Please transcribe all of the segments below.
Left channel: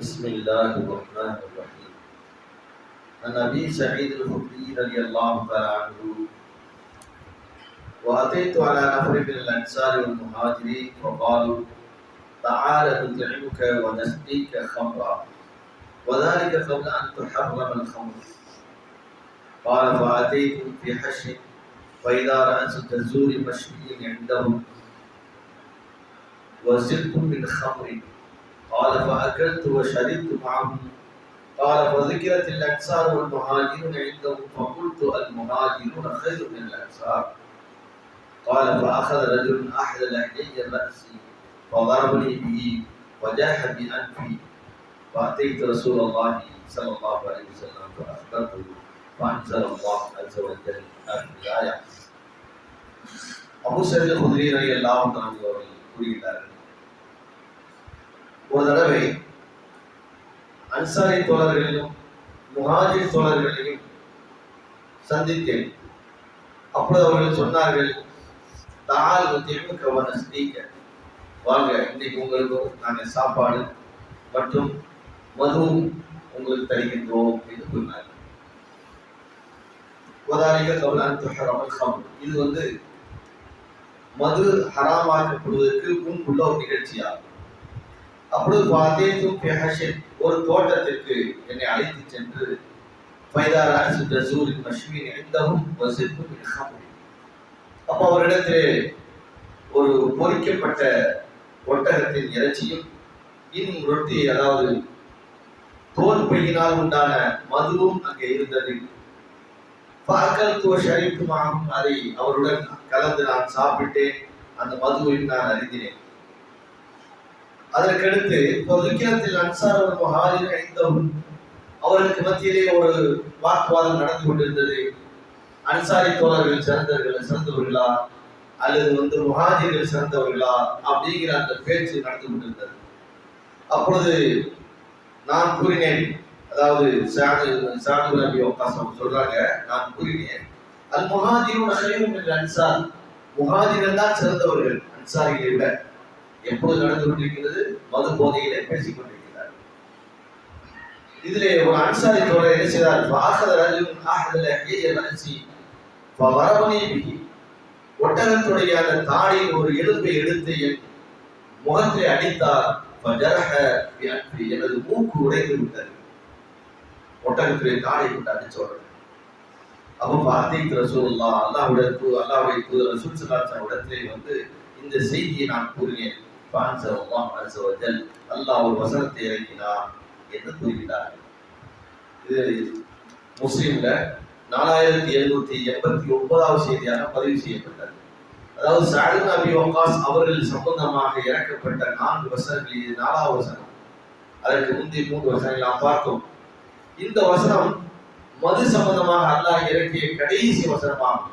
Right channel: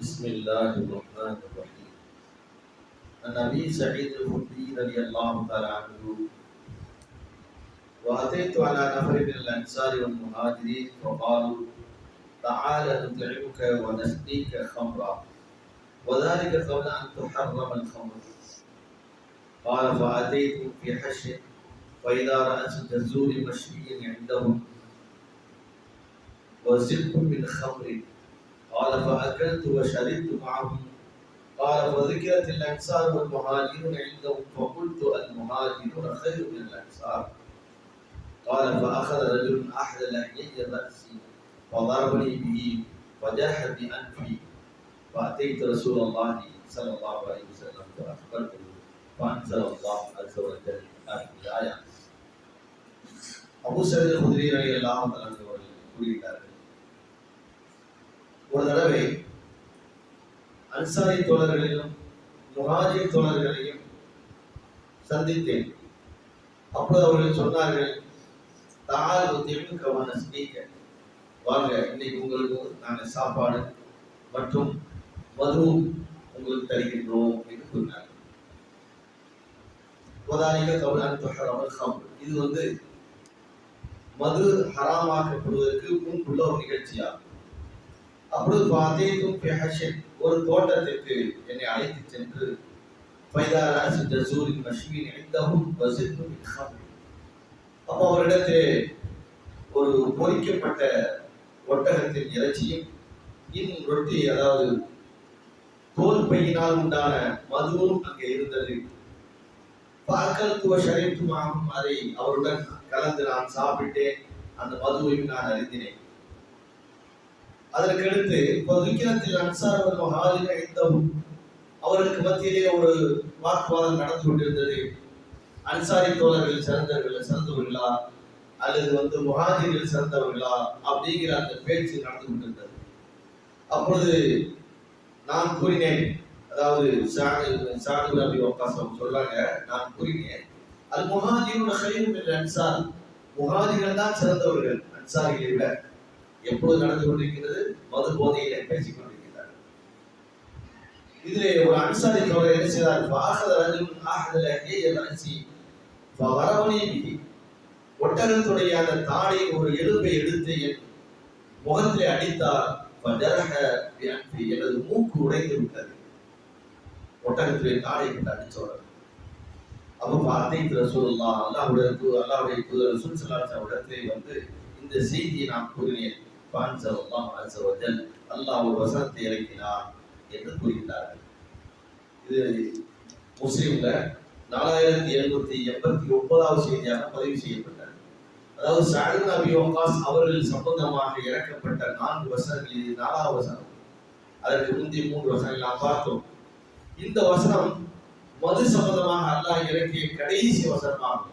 بسم الله الرحمن الرحيم. عن أبي سعيد الخدري رضي الله تعالى عنه وأتيت على نفر من الأنصار والمهاجرين فقالوا تعال نطعمك ونسقيك خمرا وذلك قبل أن تحرم الخمر قال فاتيت في حش فإذا راس التزور مشوي عندهم وزدت من خمر قال فأكلت وشربت معهم قال فذكرت الأنصار والمهاجرون عندهم فقلت المهاجرون خير من الأنصار قال فأخذ رجل أحد لحيي الرأس فضربني به وجاح بأنفي فأتيت رسول الله صلى الله عليه وسلم فأخبرته فأنزل الله عز وجل هذه الآية அபு சரீல் குதிரி ரவி எல்லாம் அவர்கள் கூறுகிறார்கள் ஒரு தடவை அன்சாரி தோழர்களிலும் முஹாஜிர் தோழர்களையும் சந்தித்தேன். அப்பொழுது அவர்கள் சொன்னார்கள் தால் முத்தியமும் ஸ்பீக்கர் வாங்க இன்னைக்கு உங்களுக்கு நாங்கள் சாப்பாடு மற்றும் மதுவும் உங்களுக்கு தருகின்றோம் என்று சொன்னார் இது வந்து மது ஹராமாக்கப்படுவதற்கு முன்புள்ள ஒரு நிகழ்ச்சியாகும். அப்பொழுது பார்த்தேன் பெஹஷன் ஒரு தோட்டத்திற்கு என்னை அழைத்து சென்று பைதாரா சுத்த சூரின் மஷ்மீன் எந்தவும் வசிப்பு அப்போ அவரிடத்தில் ஒரு பொறிக்கப்பட்ட ஒட்டகத்தின் இறைச்சியும் இன்னும் ரொட்டி அதாவது தோல் பையினால் உண்டான மதுவும் அங்கே இருந்தது. பார்க்கல் ஷரீஃபுமாகும் அதை அவருடன் கலந்து நான் சாப்பிட்டேன். அந்த மதுவையும் நான் அறிந்தினேன். அதற்கடுத்து பொதுக்கியத்தில் அன்சார் மகாலில் ஐந்தவும் அவர்களுக்கு மத்தியிலே ஒரு வாக்குவாதம் நடந்து கொண்டிருந்தது. அன்சாரி தோழர்கள் சிறந்தவர்கள் சிறந்தவர்களா? அல்லது வந்து முஹாஜிர்கள் சிறந்தவர்களா? அப்படிங்கிற அந்த பேச்சு நடந்து கொண்டிருந்தது. அப்பொழுது நான் கூறினேன் அதாவது சாது சாது நபி ஒப்பாசம் சொல்றாங்க நான் கூறினேன் அல் முஹாஜிரும் அன்சார். முஹாஜிர்கள் தான் சிறந்தவர்கள் அன்சாரிகளை விட எப்போது நடந்து கொண்டிருக்கிறது மது போதையிலே பேசிக் கொண்டிருக்கிறார் இதிலே ஒரு அன்சாரி தோழர் என்ன செய்தார்? பாசத ராஜும் ஆஹதல ஹேஜல் அன்சி வரவனே பிகி ஒட்டகத்துடைய அந்த தாடியில் ஒரு எலும்பை எடுத்து என் முகத்தை அடித்தார். ஜரஹ எனது மூக்கு உடைந்து விட்டது. ஒட்டகத்துடைய தாடை விட்டு அடிச்ச அப்போ பார்த்தீங்க ரசூலுல்லா அல்லாஹுடைய அல்லாஹுடைய தூதர் ரசூல் ஸல்லல்லாஹு இடத்திலே வந்து இந்த செய்தியை நான் கூறினேன். பான்சர் அல்லாஹ் அஸ்ஸ வஜல் அல்லாஹ் ஒரு வசனத்தை இறக்கினார் என்று கூறுகிறார். இது முஸ்லிம்ல நாலாயிரத்தி எழுநூத்தி எண்பத்தி ஒன்பதாவது செய்தியாக பதிவு செய்யப்பட்டது. அதாவது சாலிம் நபி வக்காஸ் அவர்கள் சம்பந்தமாக இறக்கப்பட்ட நான்கு வசனங்கள் இது நாலாவது வசனம். அதற்கு முந்தைய மூன்று வசனங்கள் நாம் பார்த்தோம். இந்த வசனம் மது சம்பந்தமாக அல்லாஹ் இறக்கிய கடைசி வசனமாகும்.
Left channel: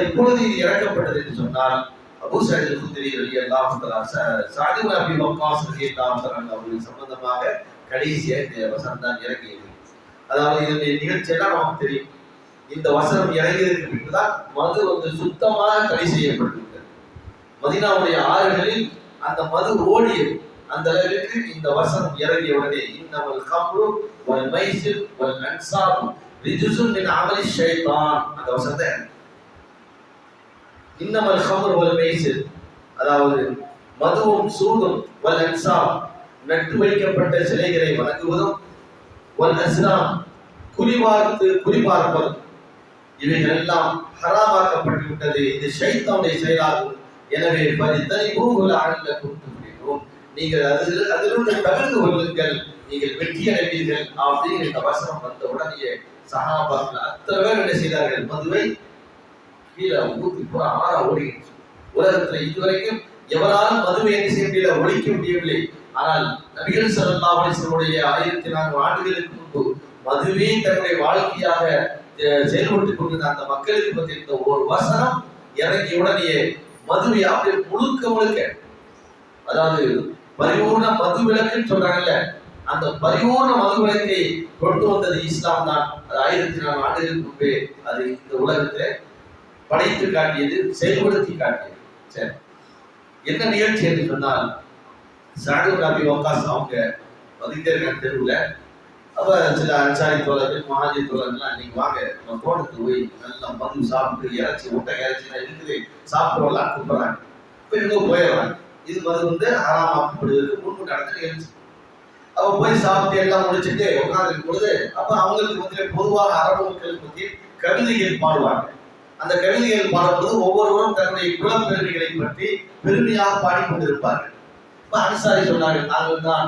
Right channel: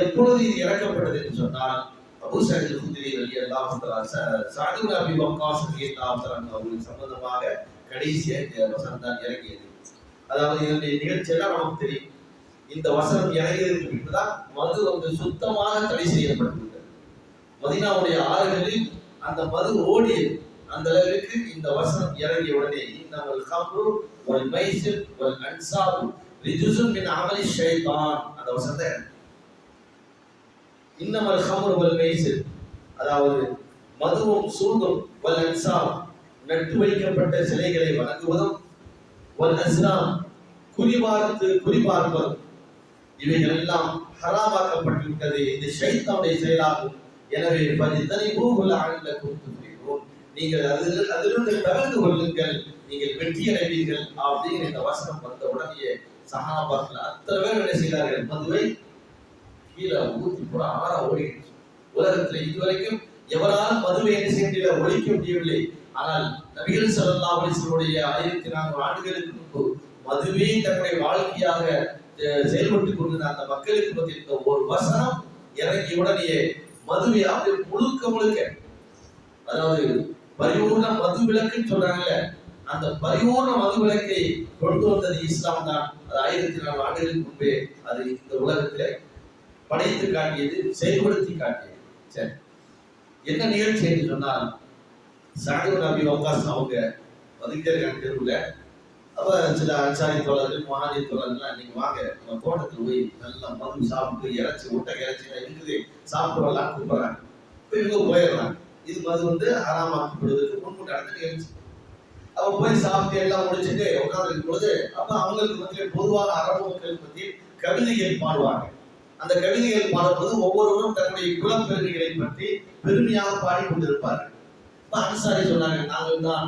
எப்பொழுது இது இறக்கப்பட்டது என்று சொன்னால் அபு சைத் குதிரி ரலி அல்லாஹ் சாதிம் அபி வக்காஸ் ரலி அல்லாஹ் அவர்கள் சம்பந்தமாக கடைசியாக இந்த வசனம் தான் இறங்கியது அதாவது இதனுடைய நிகழ்ச்சியெல்லாம் நமக்கு தெரியும். இந்த வசனம் இறங்கியதற்கு பின்புதான் மது வந்து சுத்தமாக தடை செய்யப்பட்டிருக்கிறது. மதினாவுடைய ஆறுகளில் அந்த மது ஓடியது. அந்த அளவிற்கு இந்த வசனம் இறங்கிய உடனே இன்னமல் கம்ரு வல் மைசிர் வல் அன்சாபு ரிஜுசுன் மின் அமலி ஷைத்தான். அந்த வசனத்தை இன்னமல் ஹமர் வல் மெய்சிர் அதாவது மதுவும் சூதும் வல் அன்சாம் நட்டு வைக்கப்பட்ட சிலைகளை வணங்குவதும் வல் அஸ்லாம் குறிபார்த்து குறிபார்ப்பதும். இவைகள் எல்லாம் ஹராமாக்கப்பட்டு விட்டது இது ஷைத்தானுடைய செயலாகும். எனவே பரித்தனை பூகுல அணில கொடுத்து நீங்கள் அதில் அதிலிருந்து தவிர்த்து கொள்ளுங்கள். நீங்கள் வெற்றி அடைவீர்கள் அப்படின்னு இந்த வசனம் வந்த உடனே சகாபாக்கள் அத்தனை பேர் என்ன செய்தார்கள்? மதுவை கீழே ஊத்தி போற ஆற ஓடிடுச்சு உலகத்துல இதுவரைக்கும் எவராலும் மதுவை என்ன செய்ய ஒழிக்க முடியவில்லை. ஆனால் நபிகள் சல்லா ஆயிரத்தி நான்கு ஆண்டுகளுக்கு முன்பு மதுவே தன்னுடைய வாழ்க்கையாக செயல்பட்டு கொண்டிருந்த அந்த மக்களுக்கு பற்றியிருந்த ஒரு வசனம் இறங்கிய உடனே மதுவை அப்படியே முழுக்க முழுக்க அதாவது பரிபூர்ண மது விளக்குன்னு சொல்றாங்கல்ல அந்த பரிபூர்ண மது விளக்கை கொண்டு வந்தது இஸ்லாம் தான். அது ஆயிரத்தி நாலு ஆண்டுகளுக்கு முன்பே அது இந்த உலகத்தை படைத்து காட்டியது செயல்படுத்தி காட்டியது. சரி. என்ன நிகழ்ச்சி என்று சொன்னால் சாடு நபி வக்காஸ் அவங்க வந்துகிட்டே தெருவில். அப்ப சில அன்சாரி தோழர்கள் மகாஜி தோழர்கள்லாம் நீங்க வாங்க நம்ம தோட்டத்துக்கு போய் நல்லா மது சாப்பிட்டு இறைச்சி முட்டை இறைச்சி எல்லாம் இருக்குது. எல்லாம் கூப்பிடுறாங்க. இப்போ இவங்க போயிடுறாங்க. இது மது வந்து ஆறாமாக்கப்படுவதற்கு முன்பு நடந்த நிகழ்ச்சி அப்போ போய் சாப்பிட்டு எல்லாம் முடிச்சுட்டு உட்காந்துருக்கும் பொழுது அப்ப அவங்களுக்கு மத்தியில பொதுவாக அரபு மக்களுக்கு மத்தியில் கவிதைகள் பாடுவாங்க. அந்த கவிதைகள் பாடும்போது ஒவ்வொருவரும் தன்னுடைய குலப்பெருமைகளை பற்றி பெருமையாக பாடிக்கொண்டிருப்பார்கள். இப்ப அனுசாரி சொன்னார்கள் நாங்கள் தான்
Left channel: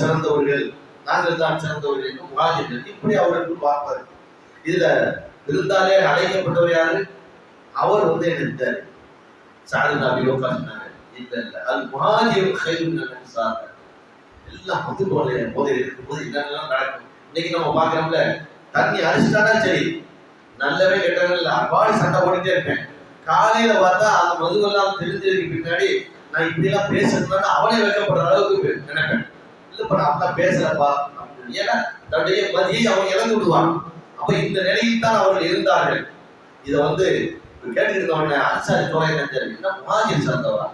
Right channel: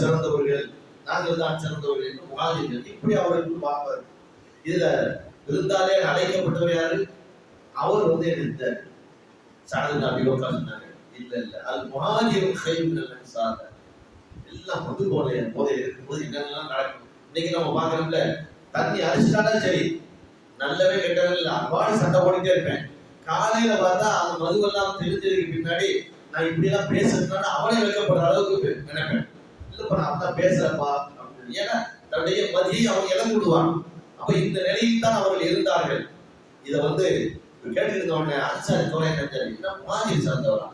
சிறந்தவர்கள் நாங்கள் தான் சிறந்தவர்கள் என்று முகாஜர்கள் இப்படி அவர்கள் பார்ப்பார் இதுல விருந்தாலே அழைக்கப்பட்டவர் யாரு? அவர் வந்து எடுத்தார் சாது நபி உட்கா சொன்னாங்க இல்ல இல்ல அது முகாஜிரும் கைது சார் எல்லாம் வந்து போல போதை இருக்கும்போது என்னென்னலாம் நடக்கும்? இன்னைக்கு நம்ம பார்க்கறோம்ல தண்ணி அடிச்சுட்டாடா சரி. நல்லவே கெட்டவே இல்லை. அப்பாடி சண்டை போட்டுட்டே இருப்பேன். காலையில பார்த்தா அந்த மதுவெல்லாம் தெரிஞ்சதுக்கு பின்னாடி நான் இப்படி எல்லாம் பேசுறதுனால அவனே வைக்கப்படுற அளவுக்கு நினைப்பேன். இல்லப்பா நான் அப்படிலாம் பேசுறப்பா ஏன்னா தன்னுடைய மதியை அவன் இழந்து விடுவான். அப்ப இந்த நிலையில் தான் அவர்கள் இருந்தார்கள். இதை வந்து கேட்டுருந்த அரசாரி அன்சாரி தோலை என்ன மாதிரி சார்ந்தவா?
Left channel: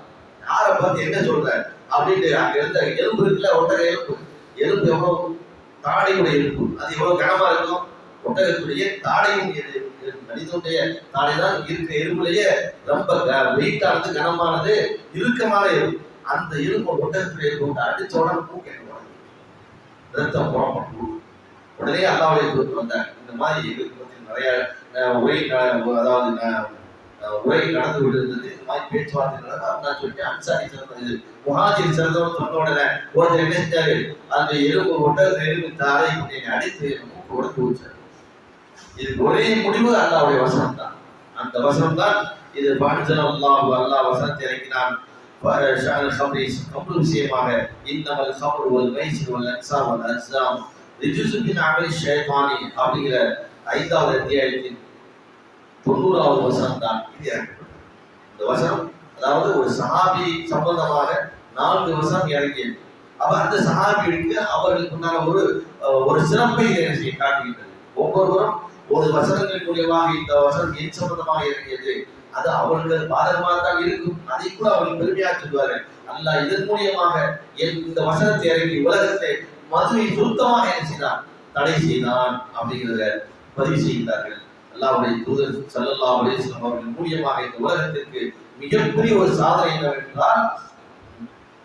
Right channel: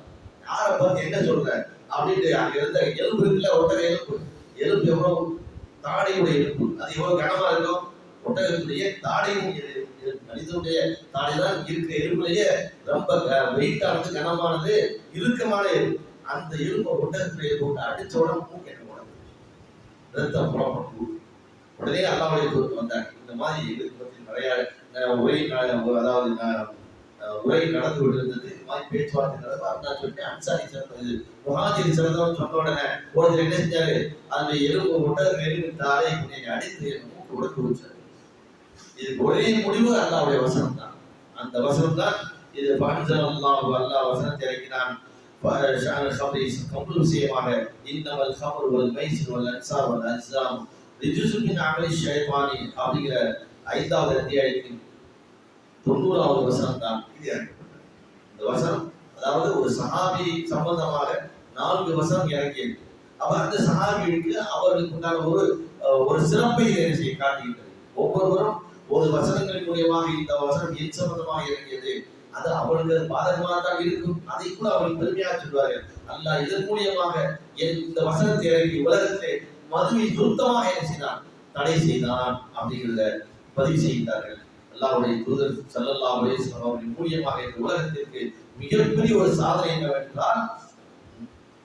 யாரை பார்த்து என்ன சொல்ற? அப்படின்ட்டு அங்க இருந்த எலும்பு இருக்குல்ல ஒட்டக எலும்பு. எலும்பு எவ்வளவு? தாடையுடைய எலும்பு. அது எவ்வளவு கனமா இருக்கும்? ஒட்டகத்துடைய தாடையும் மனிதனுடைய தாடை தான் இருக்கிற எலும்புலயே ரொம்ப வெயிட்டானது கனமானது இறுக்கமான எலும்பு அந்த எலும்பு ஒட்டகத்துடைய எலும்பு விட்டு அடிச்ச உடனே மூக்கு ரத்தம் புறப்பட்டு உடனே அல்லாவுடைய தூத்து வந்தாங்க. இந்த மாதிரி எங்களுக்கு பத்தி நிறைய உரை அதாவது உரை நடந்து கொண்டிருந்தது. இந்த மாதிரி பேச்சுவார்த்தை நடந்தது. அப்ப நான் சொல்லிட்டு அன்சாரி சிறந்தது முஹாஜிர் சிறந்தவன் சொன்ன உடனே ஒருத்தர் என்ன செஞ்சாரு? அந்த எலும்பு ஒட்டகத்தை எலும்பு தாரை அடித்து என் மூக்கு வச்சாரு இதுக்கு ஒரே முடிவு அல்லாவுடைய வசனம் தான் அந்த வசனம் தான் இது பாணிஜன் அல்லாஹ் அல்லாஹ் வசனத்தை இறக்கினான். ஷான் விஷயமாக இன்னமல் ஹம்ரு ஒரு மைசிர் ஒரு அன்சார் ஒரு அஸ்லாம் ரிஜுசு அமை அமலி அப்படிங்கிற ஐந்தாவது அத்தியாயத்தின் தொண்ணூறாவது வசனம் தான் இது இந்த வசனம் அதாவது ஒரு சஹாபி சம்பந்தமாக நான்கு வசனம் இறங்கியது. அப்ப அந்த சஹாபிக்கு அவர்களுக்கு உண்டான ஒரு ஒரு சிறப்பை காட்டுகின்றது. ஒவ்வொருவரும் ஒரு வசனங்கள் மூலியமாக இந்த வசனம் என் சம்பந்தமாக இறங்கியது. அது அவர்கள் பாதகமாக தான் இருக்கும். அதை கூட அவர்கள் பெருமையாக சொல்வார்கள் அல்லாஹ் இதன் மூலியமாக என் இந்த வசனத்தை இறங்கி உலகத்தை மதுவை சுருக்கமாக என்ன செய்தான்? தடை செய்தான் அப்படிங்கிறத பதிவு செய்கிறார்கள் அல்லாவுடைய தூதர் ஸல்லல்லாஹு அலைஹி வஸல்லம் அவர்கள் மூலியமாக இந்த உலகத்திற்கு மிகப்பெரிய ஒரு சாதனை என்னவென்றால்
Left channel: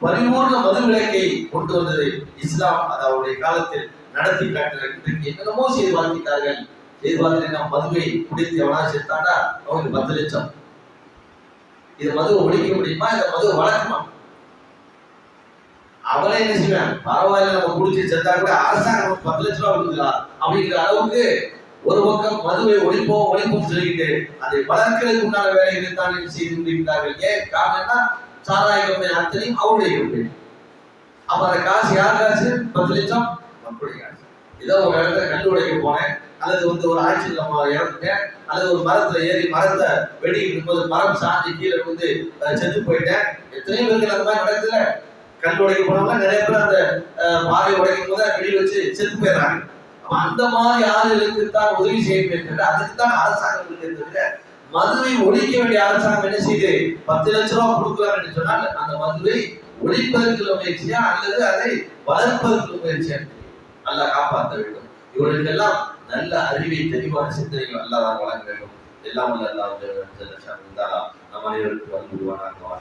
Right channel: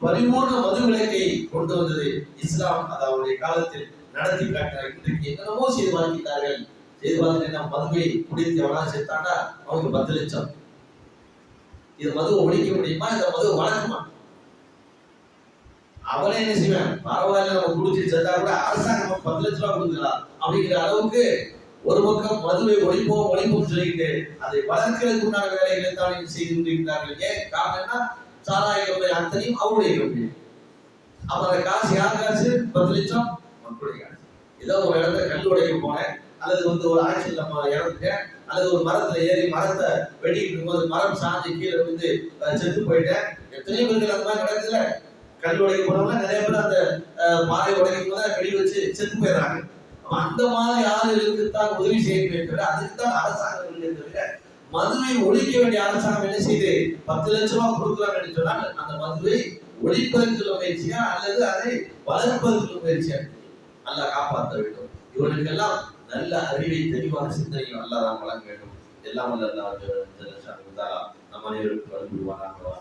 பரிபூர்ண மதுவிலக்கை கொண்டு வந்தது இஸ்லாம். அது அவருடைய காலத்தில் நடத்தி காட்டினார் இன்றைக்கு என்னென்னமோ செய்து வாழ்த்திட்டார்கள் செய்து நம்ம மதுவை குடித்து எவனா சேர்த்தாண்டா? அவனுக்கு பத்து லட்சம். இது மதுவை ஒழிக்க முடியுமா? இந்த மதுவை வளர்க்குமா? அவனே என்ன செய்வேன்? பரவாயில்ல நம்ம குடிச்சு செத்தா கூட அரசாங்கம் பத்து லட்ச ரூபா கொடுக்குதா? அப்படிங்கிற அளவுக்கு ஒரு பக்கம் மதுவை ஒழிப்போம் ஒழிப்போம் சொல்லிக்கிட்டு அதை வளர்க்கிறதுக்கு உண்டான வேலைகளை தான் என்ன செய்து கொண்டிருக்கிறார்கள். ஏன் காரணம்னா சாராய கம்பெனி அத்தனையும் அவருடைய கம்பெனி. அப்ப அந்த காசு யார் காசு? பத்து லட்சம். மக்களுடைய காசு. ஏதோ ஒரு இடத்துல கல் உடைக்க போனேன். அல்லது வந்து ஒரு ஆட்சியில் நம்ம இறந்துட்டேன். அல்லது ஒரு மரத்துல ஏறி மரத்தை வெடிக்கிட்டு இருக்கும்போது மரம் சாஞ்சி கீழே வந்து செத்து போயிட்டேன். எத்தனையோ பேருக்கு அந்த மாதிரி நடக்குதுல கல் உடைக்க போனவங்க நிறைய பேர் அந்த அஹ், பாறை உடைக்கும் போது வெடி வச்சு செத்து போயிடுறாங்க. அந்த மாதிரி ஆளுகளுக்கு தான் உதவி செய்ய வேண்டும் அதுக்கு தான் அரசாங்கம் இருக்கிறது மதுவை ஒழிக்க வேண்டிய அரசாங்கம் என்ன செய்து பத்து லட்ச ரூபா கொடுக்குறாங்க சொன்னால் அந்த மதுவை ஒழிப்பதற்கு முயற்சியா அல்லது அதை வளர்ப்பதற்கு முயற்சியா? நல்லா காப்பாற்ற வேண்டும். இவர்களுக்கெல்லாம் நல்ல அறிவை தெளிவான சிந்தனைகள் அல்லா நான் வழங்க வேண்டும் எல்லாம் வல்ல அல்லாஹ் ஜல்ல ஜல்ல ஷானு தாலா நம் அனைவருக்கும் வந்து வாழ்வானாக